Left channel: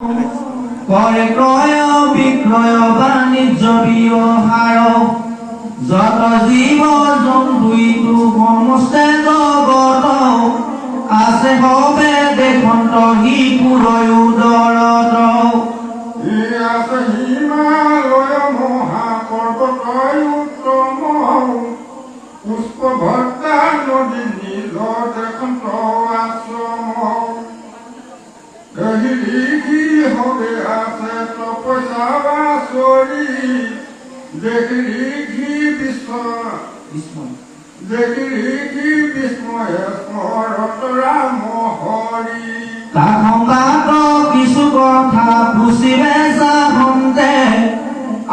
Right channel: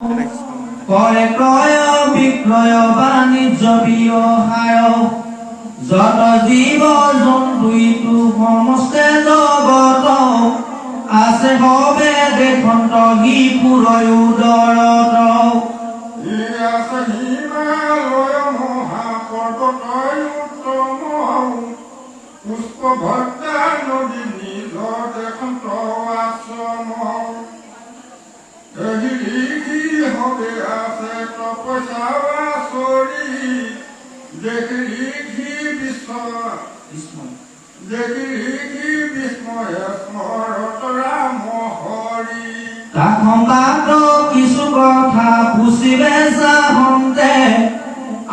ক্ৰয় বিক্ৰয় বাণিজ্য ব্যৱহাৰ যত জীৱ জন্তু ইটো সমস্তে জগত আছে হবে দেখন্ত সি পুৰয় উদৰত আছে হিমালয় মহাপৰ্বতয় উত্তম পুষ্প ভক্তা নদী নীল দেখন্ত আশ্ৰম লিখি হবে আছে তপস্যা বাসৰি দেখি বিস্ময় স্মৰত ৰাম হৰি কাষত কিছু কথা পুচিবে যাহন্তে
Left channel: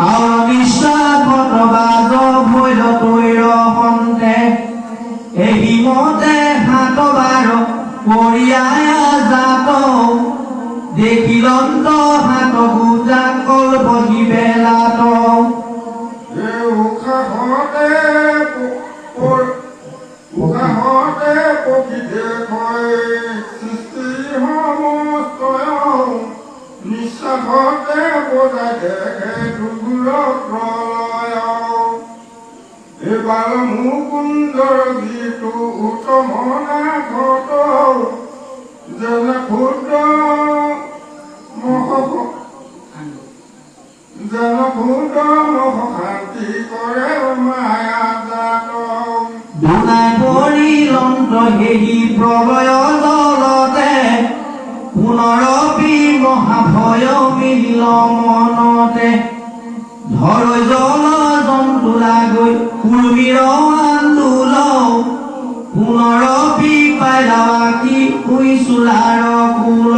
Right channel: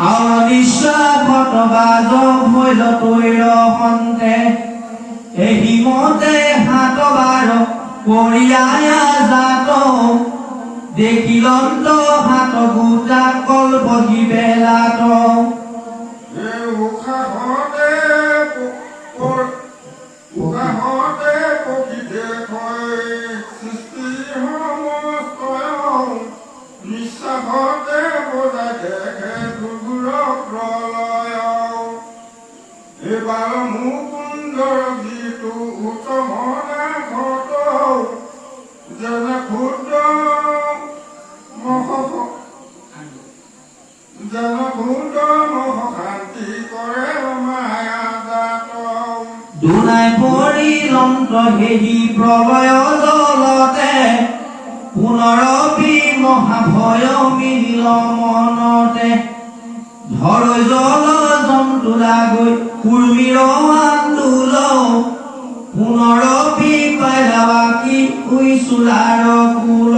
আৰু নিশ্চয় বাজ ভৈল তৈৰ হন্তে এহিমতে হাতবাৰ কৰিয়ায়া জাত দেখিলন্ত হাত গোটা কল বহি বেলাত উশাহতে পক্ষী দেখয় সৃষ্টি সমস্তয় নিশ্বাসতে বজাই দেখে দুগুৰ প্ৰলয় এইবাৰ মুকুন্দৰ গীতটো উত্তম নাথত যেনে ক্ষুদ্ৰ শান্তি কৰে মায়া জাত দুনাই পৰিলন্ত হেৰি প্ৰলয় জলতে পুনৰপি মহাভয় মিলিল মনতে ধৰ জল জন্তু লাগৈ কুৰ্মীৰ আন্দোল পুনৰপি পাইলা বাকী উইচুলাৰ কুল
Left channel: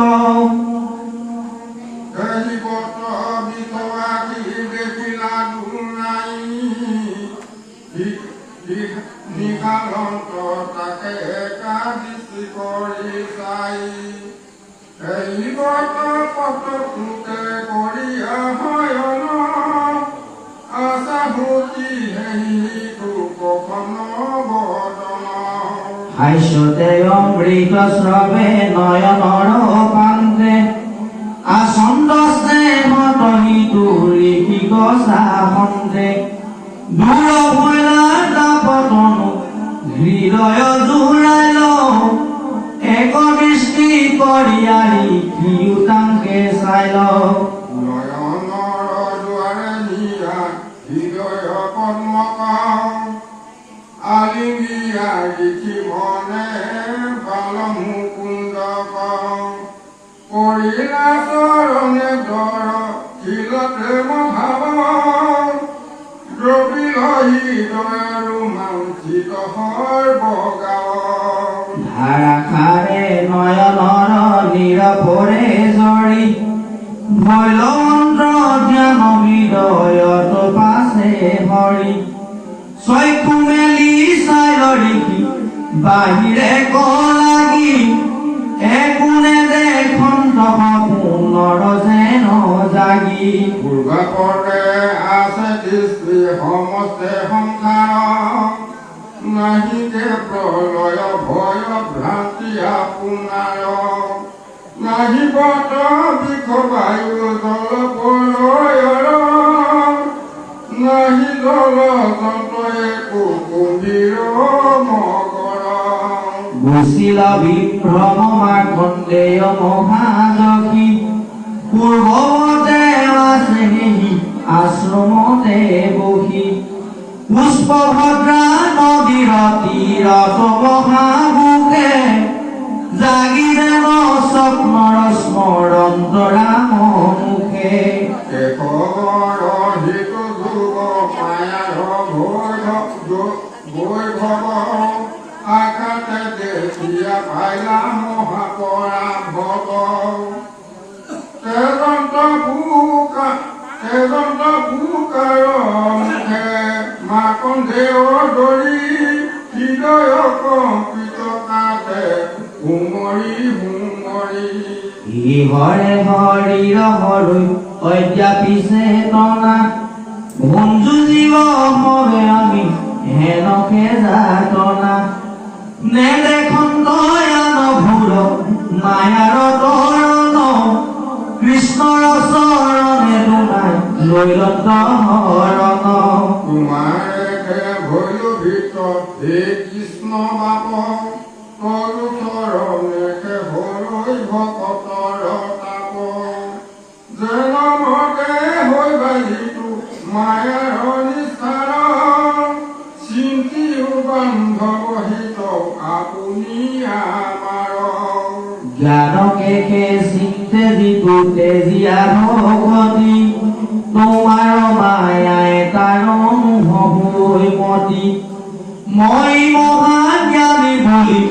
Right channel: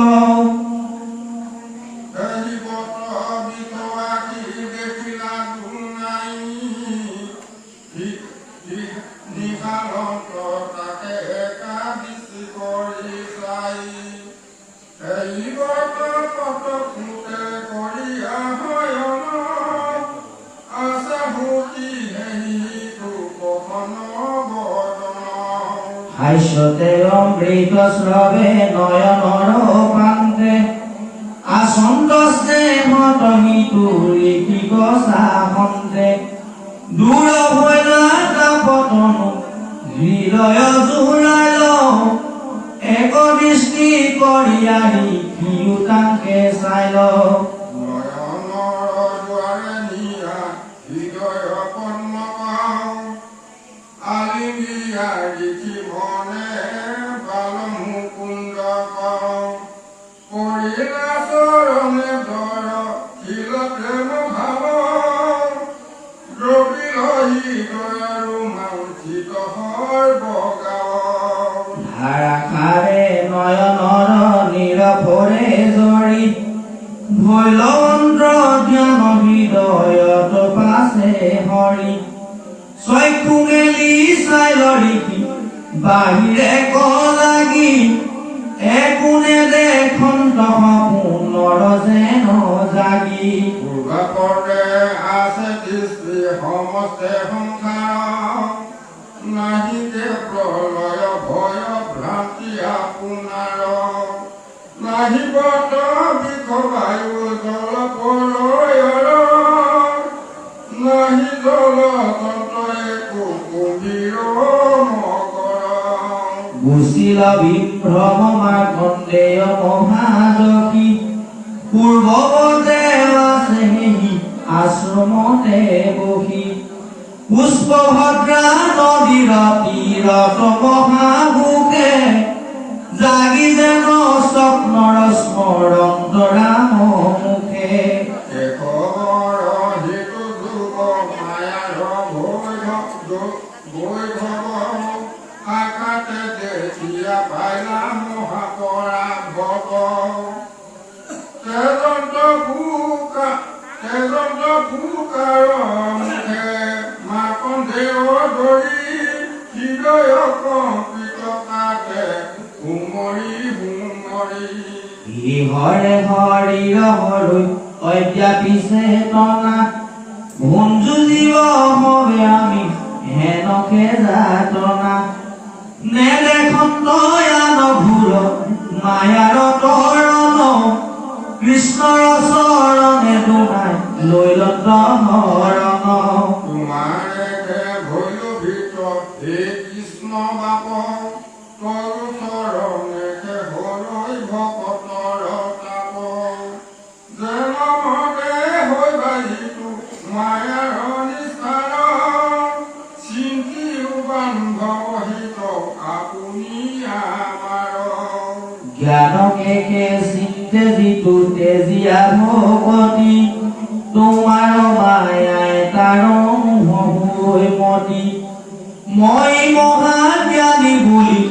হাস্যতে অমৃত স্রবে নয়নর পান্তে আসন্ত স্নেহত হিতুরি কি গসা হন্তে দূর হইলা তাপতন হৃদয় জুড়াইল এক দৃষ্টি করিয়ারি কিউ তাঙ্কে চাইল ধাৰাসাৰে নয়নৰ নিৰপৰে জৰি ভৈল জ্ঞান হৃদয়ত পাছে হৰি চক্ষু মেলি চাই লৰিকি বাহিৰে লাগি একোনে দেখন্ত পুনৰ যেন জাগি পূৰ্বাপৰে আছে দৃষ্টি সমস্তে সংসাৰ নাহি যে প্ৰলয় ভয় ভ্ৰান্তি আপোনাৰ নাহি বত বিষ বায়ু জল প্ৰলয়ৰ নাহি জল তন্ত্ৰয়ে কুকুম্ভীৰ মকৰ গুচিল বিভ্ৰম মাৰ্কণ্ডেয় মহাযশী পূৰ্বতে আছে আশ্ৰমতে বহি পুষ্পভদ্ৰা নদীৰ তীৰত মহাভোগে জাগি যেন স্বপ্নৰ স্মৰন্ত ৰাম মুখে আকাশে দেখিয়া পাইলা মহাপৰা ভৱ তেজন্ত ফুকাৰ মুখে মাকন্ধেয় ধৰি হৃদয় কম্পিত কাটে হুমৰি হৰে হৰিৰ হৰৈ অদ্যাপি চেতনা ভঞ্জু জীৱ হবে আমি হেনকে যাতনা নেদেখন তয়ান ভূৰ মায়াৰ তৰণ কৃষ্ণ কৃষ্ণৰ চৰণে দুনাই লৈলন্ত হৰণ তোমাৰে ভৈল ভিতৰত হে কৃষ্ণ বাপ তৰু চৰণে হৰৈ ভকতৰ তাপ যেন মতে হৈ বাজিতো মায়াৰ নিস্তাৰ চিন্তিও বান্ধৱ হিত আপুনি আমাৰ জ্ঞানকে চিন্তে যিটো তেজীয়া ভকতি তোমাৰ মায়াই তাৰ নহৈ মতি মই মহাজ্ঞানী বুলি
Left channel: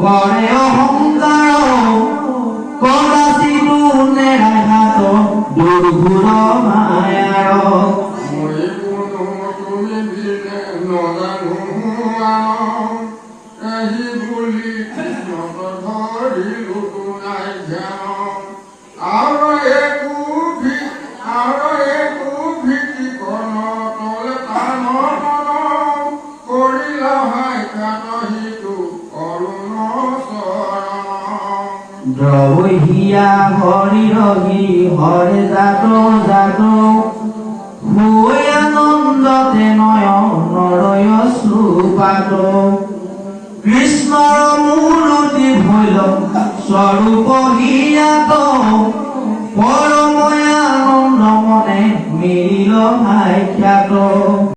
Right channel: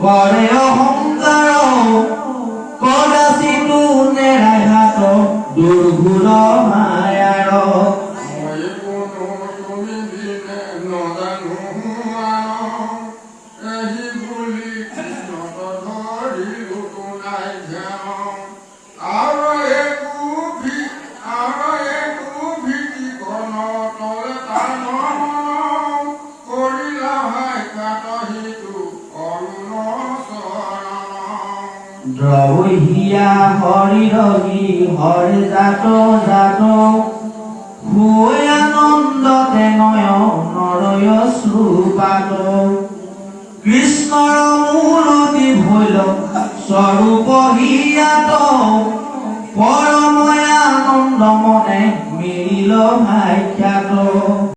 কৰে অহংকাৰ কদাচিতো নেৰাই হাত দুৰ্ঘুৰ মায়াৰ মই কোনো তুমি বিনে নজানো এহি বুলি কৃষ্ণক ধৰিলো নাই ধ্যান আৰু একো ভীতিকণ তলে টান কৰিলা হাই কাটহিতো অৰুণ চৰণ দ্ৰৱহিয়া হৰি ৰগী হৰি জাত জাত হৈ আনন্দতে নয়নৰয় শ্লোকাত কৃষ্ণৰ মূৰতি ভৈল স্বৰূপ হিয়াত পৰময় আনন্দ মনে মিলিল ভাখ্যাত